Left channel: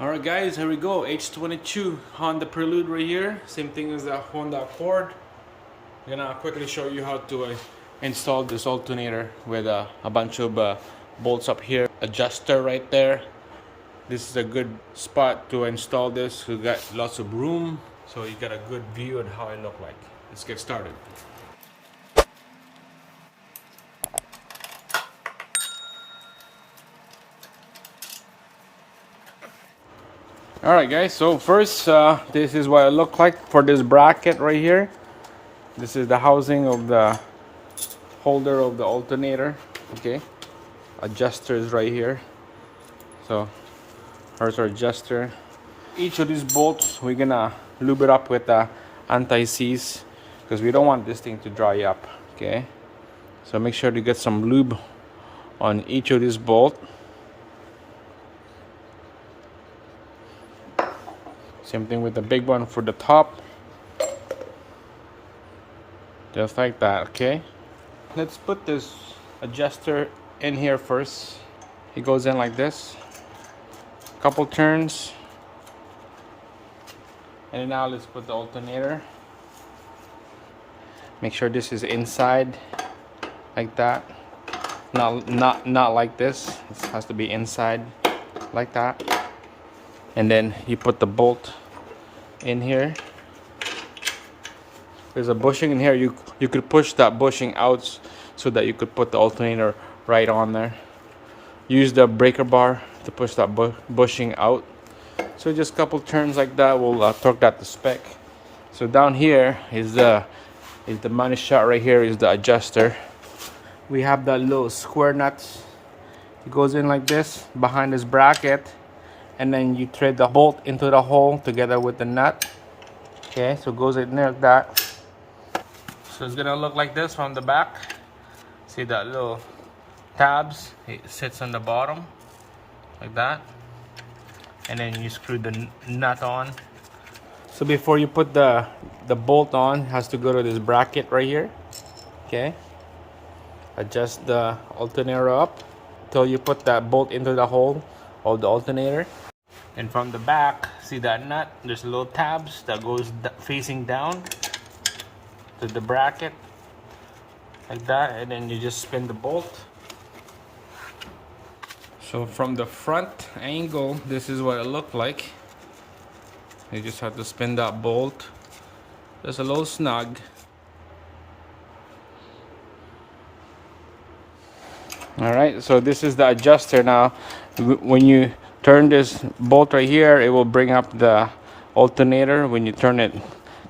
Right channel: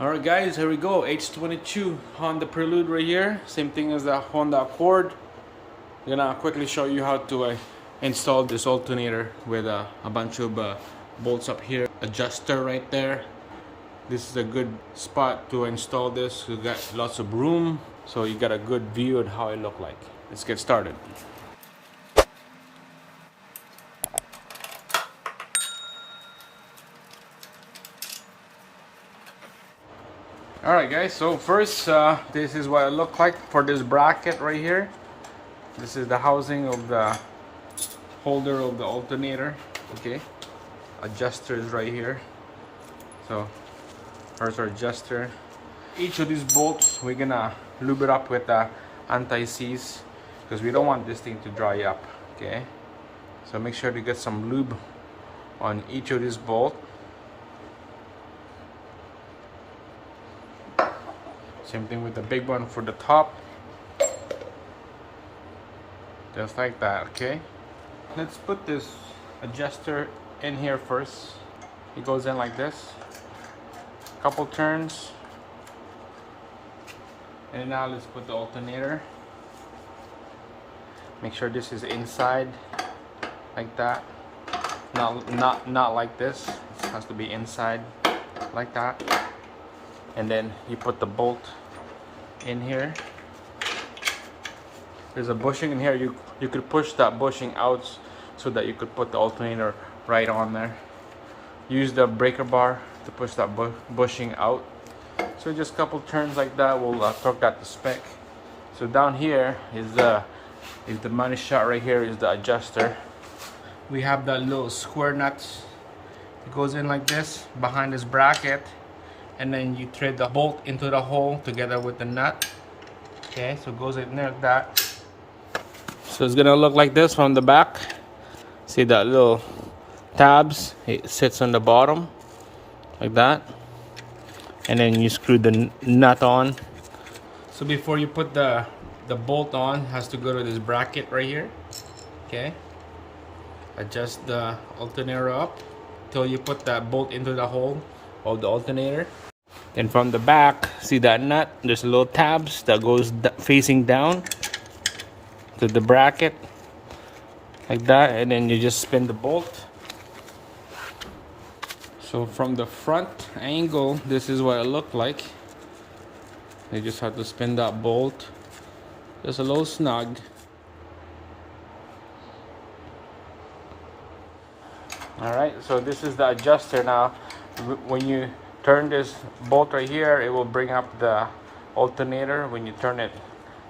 Alright guys, here we go. H22 Honda Prelude right here. Same thing as that Honda Accord. I'm gonna quickly show you how to install this alternator with a bunch of bolts up here. Adjuster right there. This is a good spot to install this. We got lots of room, so you got a good view of how it look like. Let's get started. Alright guys, so first this is what it looks like for this bracket right here. This is the housing of the holder of the alternator. Okay, adjuster is right here. So there's our adjuster. Each of these bolts we're gonna lube it up with anti-seize because we don't want this thing to dry up. Okay, so make sure to get some lube on each of these bolts. Same thing with the big one for the top. Just like that, okay? Let's put this adjuster in here first. It goes in like this. Couple turns. And now let's put the alternator. Make sure this is inside like that. Not like this. It has to be inside like that. And then you put the bolt in here. There's a bushing in here. You could push that bushing out so that you could put the alternator right on there. Use the breaker bar to push that bushing out. So just a couple turns like that will torque that to spec. So down here is the money shot. Right here is the adjuster. We have that little square nuts. It goes in like this behind this bracket. And then you thread the bolt into the hole together with the nut. Okay, so it goes in there like that. So it's gonna look like this from the back. See that little tabs? It sits on the bottom like that. And then you screw the nut on. So before you put the bolt on, it has to go to this bracket right here. Okay. Adjust the alternator up till you put that bolt into the hole of the alternator. And from the back, see that nut? There's little tabs that goes facing down to the bracket like that, and then you just spin the bolt. So from the front angle, this is what it looked like. You just have to spin that bolt. Just a little snug. All right, so this is the adjuster now. When you turn this bolt right here, it will bring up the alternator. When you turn it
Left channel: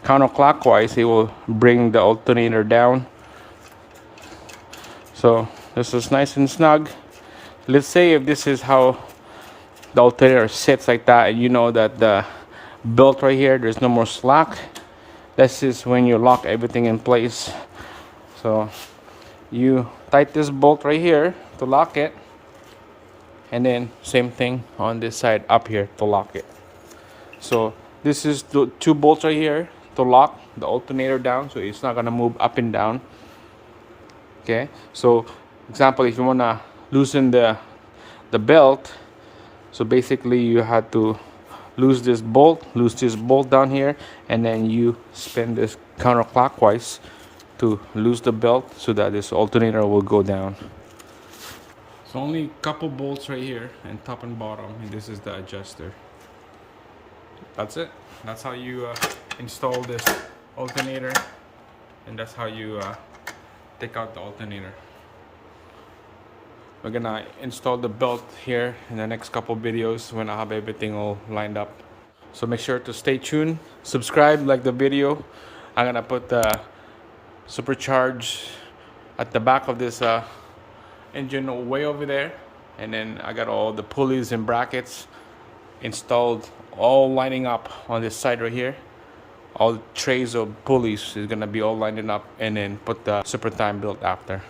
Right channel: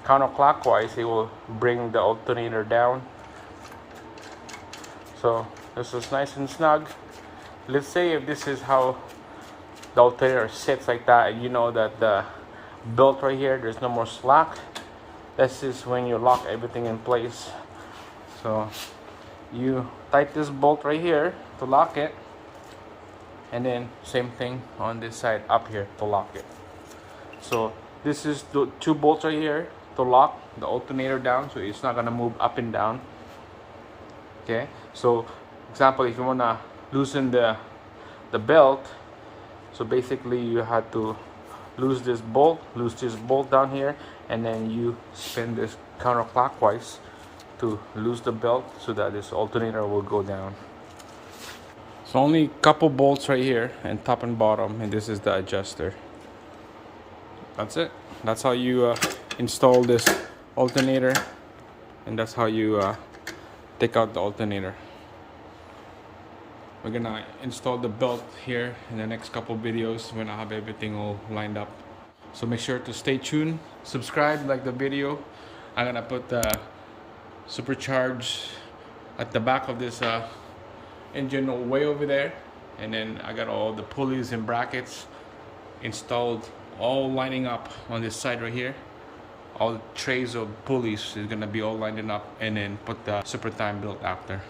counterclockwise, it will bring the alternator down. So this is nice and snug. Let's say if this is how the alternator sits like that, and you know that the belt right here, there's no more slack. This is when you lock everything in place. So you tighten this bolt right here to lock it. And then same thing on this side up here to lock it. So this is the two bolts right here to lock the alternator down, so it's not gonna move up and down. Okay, so example, if you wanna loosen the belt, so basically you have to loose this bolt down here, and then you spin this counterclockwise to loose the belt so that this alternator will go down. So only a couple bolts right here, and top and bottom, and this is the adjuster. That's it. That's how you install this alternator, and that's how you take out the alternator. We're gonna install the belt here in the next couple videos when I have everything all lined up. So make sure to stay tuned, subscribe, like the video. I'm gonna put the supercharge at the back of this engine way over there, and then I got all the pulleys and brackets installed, all lining up on this side right here. All the trays of pulleys is gonna be all lining up, and then put the super time built after.